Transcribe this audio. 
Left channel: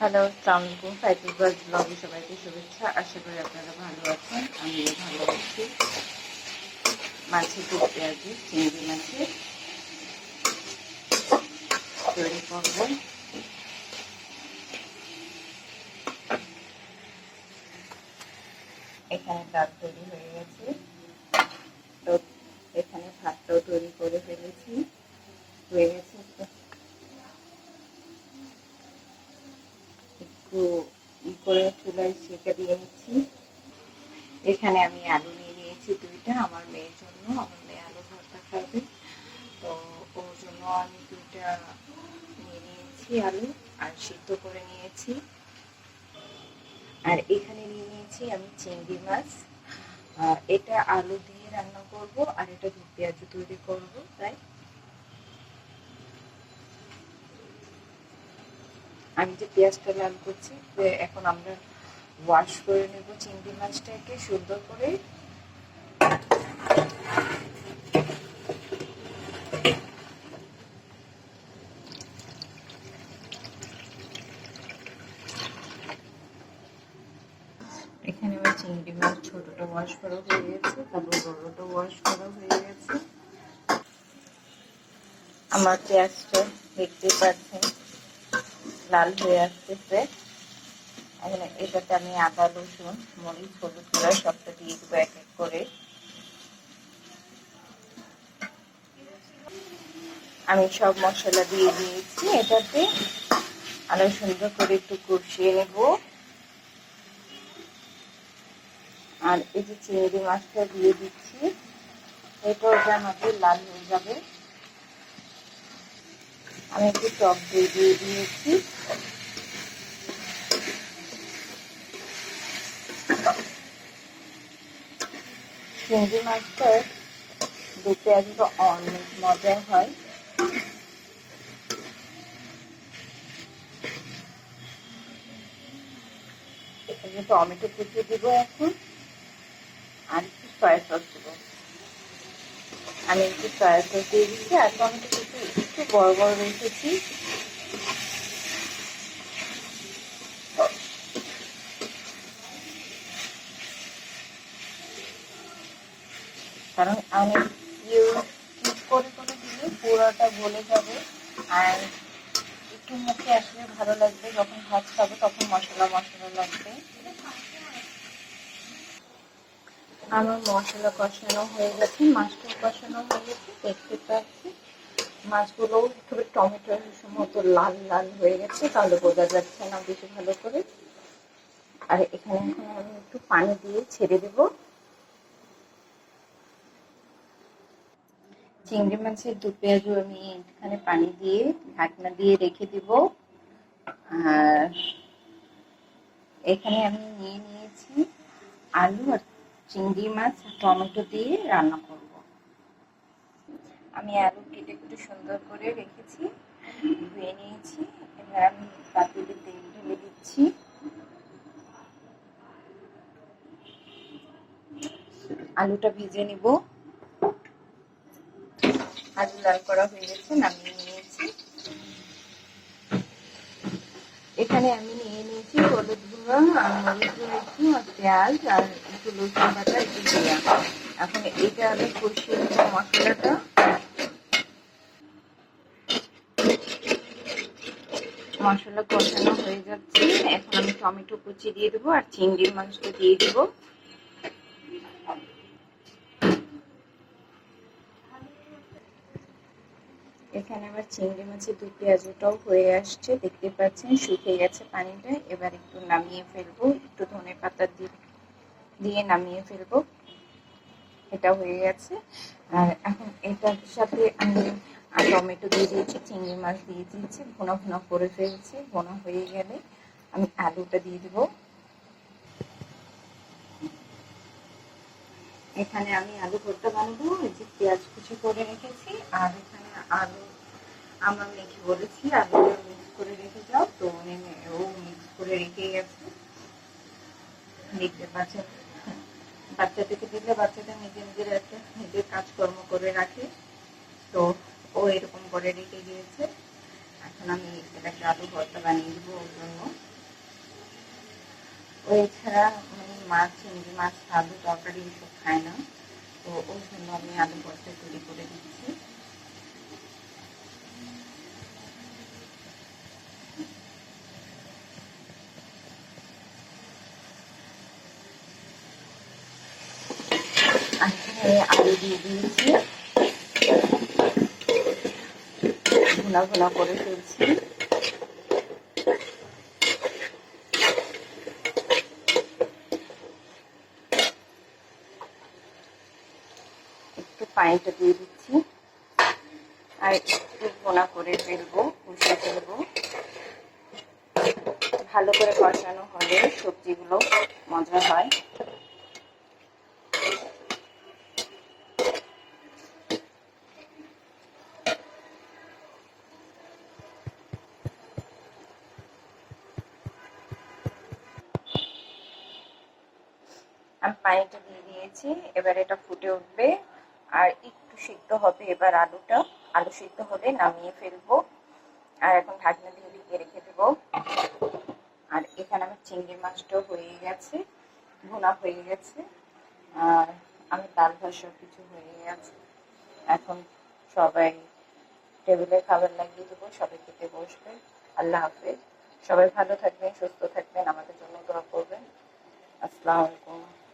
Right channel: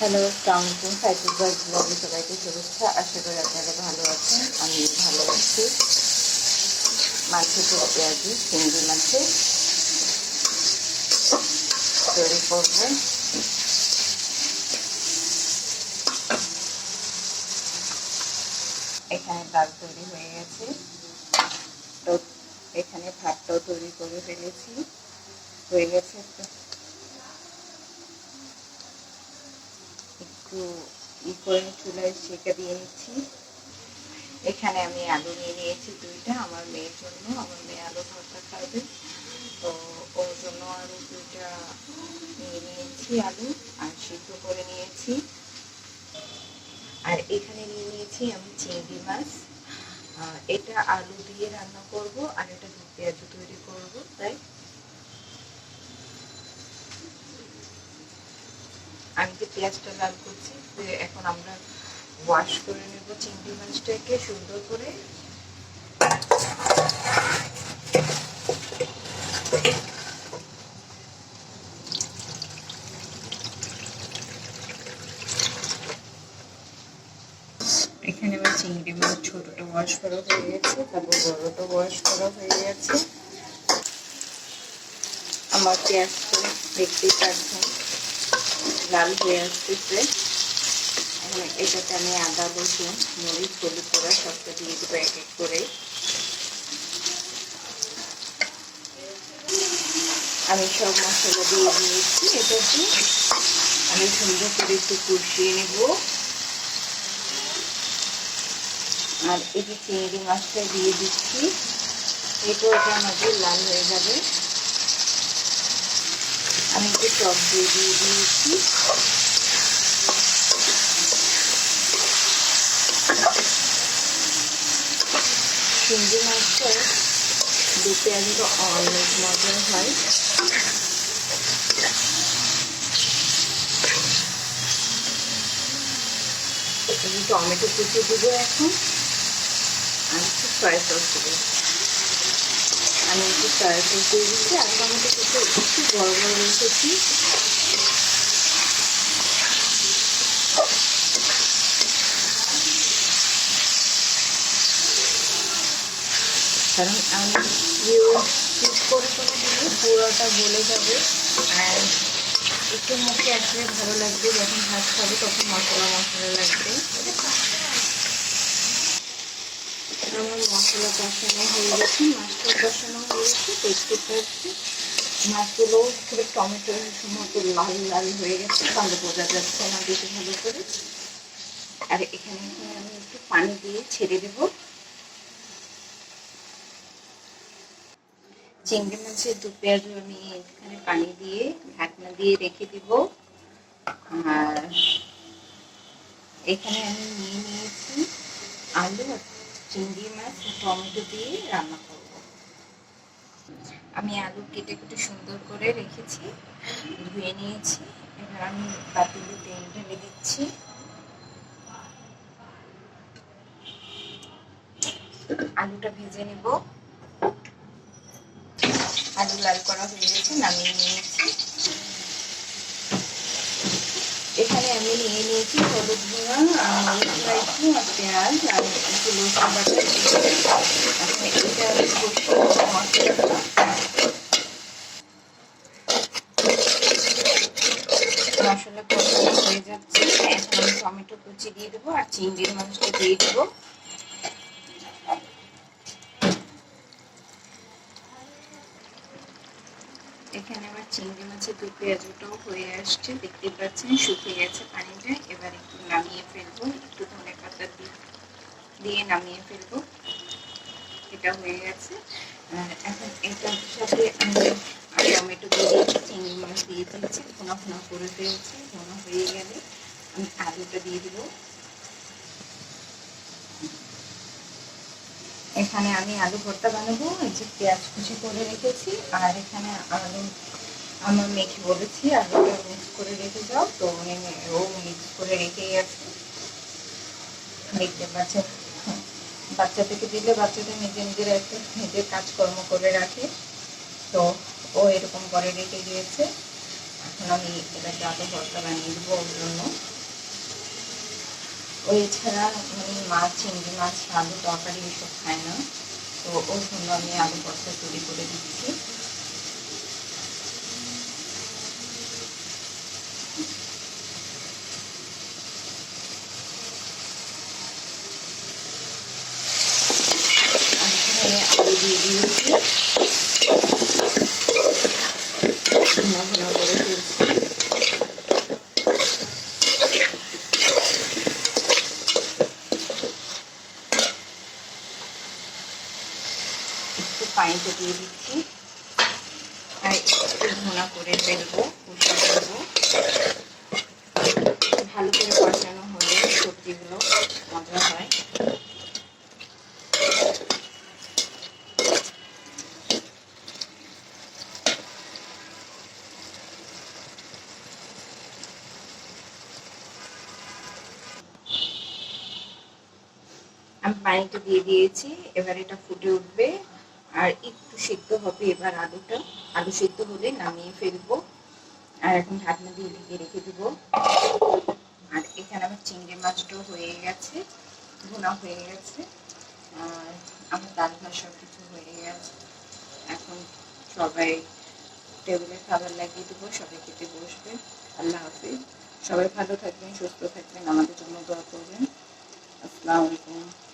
Hello সালামালাইকুম cycle bus ব্লগে সবাইকে শুভেচ্ছা। আশা করি আপনারা ভালো আছেন আমি ভালো আছি। মাছের টুক পেঁয়াজি চিংড়ি মাছের তৈরি করব। এখানে ডাল তৈরি হয়ে গেছে। তো এখানে ভাতটাও তৈরি করে ফেলেছি। হয়ে গেছে তো একটু ই করে চুলায় সেঁকে দিয়ে নিচ্ছি এখানে আমি আলু নিয়ে নিয়েছি দুইটা আমার মেয়ের জন্য, আমার মেয়ে আলু ভর্তা খাবে তো ওর জন্য আমি দুইটা নিয়ে নিয়েছি আলু আর সিদ্ধ করে নিয়েছি। আর এখানে নিয়ে নিয়েছি আমি চিংড়ি মাছ। এটা আলু দিয়ে রান্না করব আর এটা পেঁয়াজ তৈরি করব, তাই? আমি যে পেঁয়াজটা লাল করছি, তো এখন আমরা ওয়াশ করে নেব, চিংড়ি মাছটাকে সুন্দর করে। এখানে আমার চিংড়ি মাছ ছোটটা ওয়াশ করা হয়ে গেছে, তারপর বড়টা ওয়াশ করা হয়ে গেছে। আমার পেঁয়াজটা দেখতেই পাচ্ছেন, লাল হয়ে আসতেছে। এখন এটাতে আমি আদা, রসুন, মরিচ, হলুদ করা সবটা দিয়ে দেবো এক এক করে। আমি সব মশলা দিয়ে দিয়েছি। এটাতে আমি সুন্দর করে একটু কষিয়ে নেব। আর যে চিংড়ি মাছটা দিয়ে দিচ্ছি এটাও আমাদের লাল হয়ে যাবে। আমি একটু টক দিয়ে দিয়ে দিয়েছি। চিংড়ি মাছটা দু পেঁয়াজটা অনেক মজার হয়। টমেটো কুচি দিব এখন। আর একটু ফ্রাই সস দেবো। আমি একটু ফ্রাই সস দিয়ে দিচ্ছি। আর টমেটো কুচি একটু বড় বড় রেখেছি কারণ আমি ইউজ করে করে দিলে পুরোটা গলে যাবে। আর একটু মুখে আসলে ভালো লাগবে, যখন ভাত খাবে তখন মশলা মশলা লাগবে। আমার মশলা কষানো হয়ে গেছে মাছটা কষানো হয়ে গেছে, দেখতে পাচ্ছি। মাছগুলো একটু টমেটোর মতো লাল লাল হয়ে গেছে, তাহলে বোঝা যাচ্ছে না বেশি ভালো করে। আর এখন আমি একটু পানি দিয়ে ছেড়ে দেবো। চিংড়ি মাছের দু পেঁয়াজও আমি এখানে পানি দিয়ে, ঢাকনা দিয়ে রেখে দিব। আর এখানে আমি নিয়ে নিয়েছি আলু আর চিংড়ি মাছ, টমেটো দিয়ে রান্না করব। আমি আলু কেটে কেটে সুন্দর করে রেখেছি, ধুয়ে নিয়েছি। এবার আমি পাতিলে তেল ঢেলে দিচ্ছি। আলুটা ভেজে নিব। আলু লাল করা হয়ে গেছে, নামিয়ে নিয়েছি এখানে আমি নিয়ে নিয়েছি হলুদ গুঁড়ো মরিচ গুঁড়ো একটু, আর পেঁয়াজ, আর একটু রসুন বাটা, একটু এখন এইটা হলো মশলাটা। মশলা কষানো হয়ে যাচ্ছে। এখন আমি টমেটো কুচি দিয়ে দেবো, আর চিংড়ির মাংসটা দিয়ে দেবো। এখানে আমার চিংড়ি মাছের দু পেঁয়াজটাও হয়ে আসছে। দেখতে পাচ্ছেন, শুকিয়ে গেছে পানিটা। এবার একটু নামিয়ে ফেলব। একটু ধনে পাতা দিয়ে নামিয়ে ফেলব। এটা হয়ে গেছে। আর এখন এটার সাথে আমি টমেটো দিয়ে দিয়েছি, চিংড়ি মাছ দিয়ে দিয়েছি। ভোনা ভোনা করে ফেলছি। ভোনা হয়ে গেলে আমি আলুটা দিয়ে দিব। এখানে আমি আলু ভর্তা বানাবো, এই যে পেঁয়াজ কুচি করে রেখেছি, আর এখানে আলু, আমার মেখে বলেছি, আলুটা মিক্স করে রেখে যাও, তো ও মিক্স করে রেখেই আছে। দেখতে পাচ্ছেন বাচ্চা থেকে দিলে বাচ্চাদের নিজে নিজের একটা নিজের কাজকর্ম করে রাখে। তো ও এরকম করে রেখে গিয়েছে এখন আমি এটাকে আলু ভর্তা বানিয়ে দেবো ওর জন্য। ও এছাড়া মাছ, চিংড়ি মাছ, আলু তরকারি এসব খায় না। তো ওর জন্য আমি আলু ভর্তা তৈরি করে দিচ্ছি। আলু দিয়ে দিয়েছি। ঘুনা ঘুনা করে ফেলছি একটু পানিতে দিয়ে দিচ্ছি। আর একটু ঘোনা করে ফেলব, কষিয়ে ফেলব। ভালো করে কষানো হলে সবজিগুলো মজা হয়। আমি পানিটা দিয়ে দিয়েছি, এবার এটা ফুটে উঠবে। আর একটু সিদ্ধ হবে এবার আলুটা। আলু সিদ্ধ হলে নামিয়ে ফেলব। আর এখন ঢাকনা দিয়ে ঢেকে রেখে দেবো। আর এখানে আমার চিংড়ি মাছটাও হয়ে গেছে, ভুনা হয়ে গেছে। আর আমার ডাল ভাত সব কিছু হয়ে গেছে। এখন সবাই টেবিলে খাবার লাগিয়ে দেবো, সবাই খেতে বসবে। আল্লাহ হাফেজ। সবাই ভালো থাকবেন, সুস্থ থাকবেন। আমাদের জন্য দোয়া করবেন। আসসালামু আলাইকুম।